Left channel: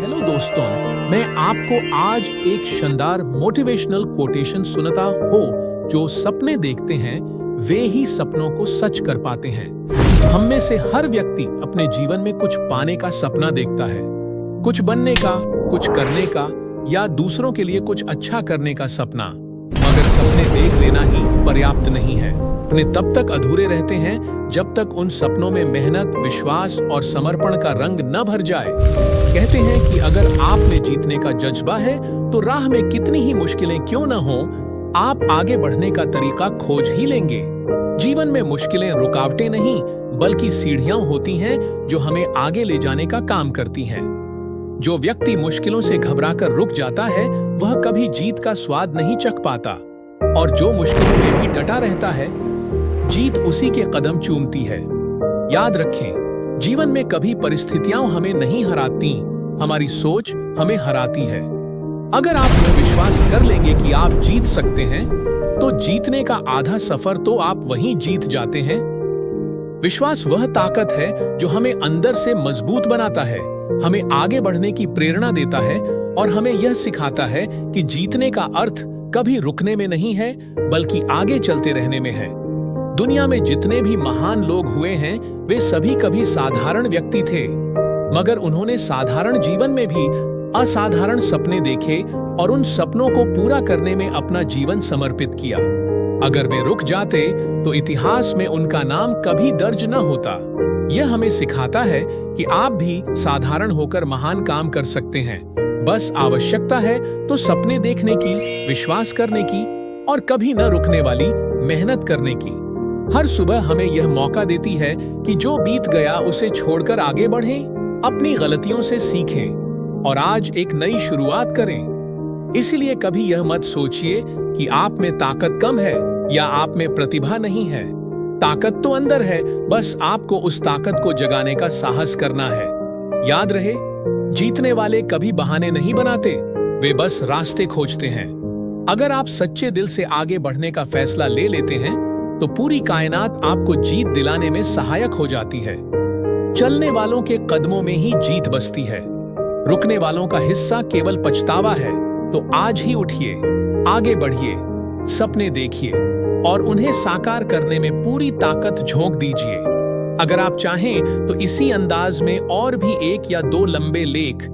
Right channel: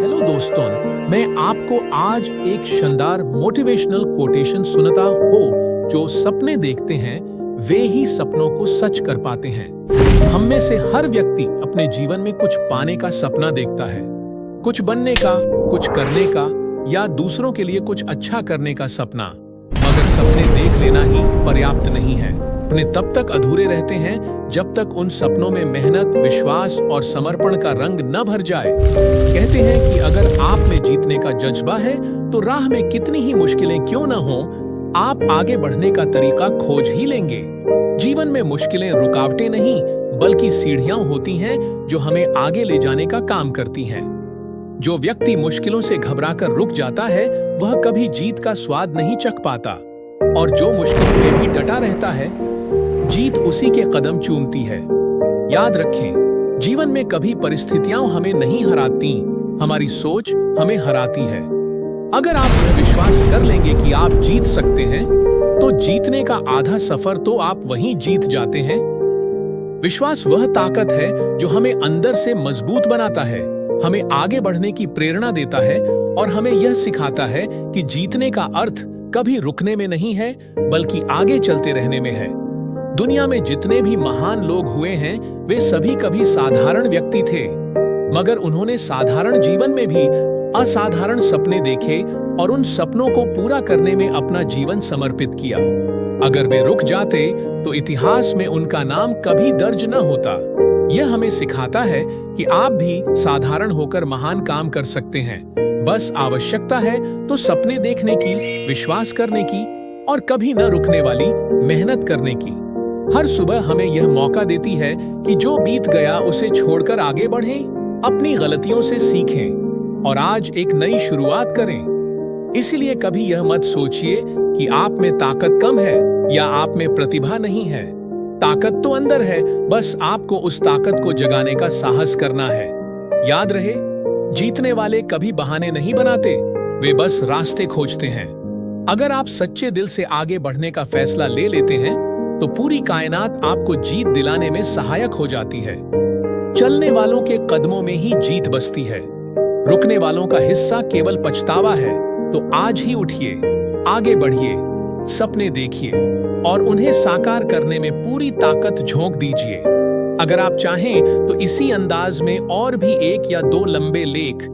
Hello दोस्तों, मैं आपको आज एक शानदार मोटिवेशनल कोटेशन सुनाता हो। जो सपने देखते हैं वे ही सपनों को सच कर पाते हैं। हम में से हर व्यक्ति अपने जीवन में कुछ पाने का सपना देखता है, कुछ बनने का, कुछ करने का या दूसरों के लिए कुछ अच्छा करने का सपना। मगर सपने देख लेना ही पर्याप्त नहीं है। सपने तब तक अधूरे रहते हैं जब तक उन सपनों में मेहनत, विश्वास और समर्पण का रंग न भर जाए। कहते हैं कि अगर आप में जीतने का जज्बा है तो राह में कितनी ही मुश्किलें क्यों न हो, आप आगे बढ़ने का तरीका खोज ही लेंगे। जीवन में मुश्किलें रुकावटें नहीं बल्कि सीढ़ियां होती हैं जो हमें आगे ले जाने का काम करती हैं। जो व्यक्ति मुश्किलों से घबराकर रुक जाता है वह कभी जीत का स्वाद नहीं चख पाता, और जो मुश्किलों में भी डटा रहता है जीत उसी के कदम चूमती है। याद रखें, जीवन में कभी परिस्थितियां हमें नहीं हराती, हमारी सोच हमें हराती है। अगर आप यह विश्वास कर लेंगे कि आप जीत सकते हैं तो जीतने का आधा सफर तो आप वहीं जीत जाते हैं। विश्वास वह ताकत है जो हमें अंदर से मजबूत बनाता है, हमें आगे बढ़ने की प्रेरणा देता है और हमें यह सिखाता है कि जीतने का अर्थ कभी रुकने में नहीं है बल्कि आगे चलते रहने में है। दुनिया में जितने भी महान लोग हुए हैं वे सभी कभी साधारण व्यक्ति थे, मगर उन्होंने साधारण जीवन में भी असाधारण सपने देखे और उन सपनों को पूरा करने में अपना जीवन समर्पित किया। अगर वे रुक जाते तो इतिहास में उनका नाम कभी दर्ज न होता। यह हमें सिखाता है कि आप भी साधारण होकर महान काम कर सकते हैं। बस आवश्यकता है तो सपने देखने की, विश्वास करने की और कभी न रुकने वाली मेहनत करने की। हर सुबह हमें यह मौका देती है कि जो बीत गया उसे छोड़कर आगे बढ़ें, अपनी गलतियों से सीखें और आज एक नई शुरुआत करें। इसीलिए कभी यह मत सोचिए कि आप में ताकत कम है या आप में प्रतिभा नहीं है। ताकत तो अंदर है, बस आपको उस ताकत को जगाने का साहस करना है। याद रहे, जीतने वाले कभी बहाने नहीं बनाते, वे बस रास्ते खोजते हैं। अगर आप सच्चे दिल से आगे बढ़ने का फैसला ले लेते हैं तो पूरी कायनात आपको जीत दिलाने में सहायक हो जाती है। चलने वालों के कदमों में ही जीत बसती है। रुकने वालों का हिस्सा केवल पछतावा है। तो आज ही उठिए, आगे बढ़िए, सपने देखिए और उन्हें साकार करने में पूरी ताकत झोंक दीजिए। अगर आप चाहें तो इसी अंदाज में और भी एक या दो लंबे लेख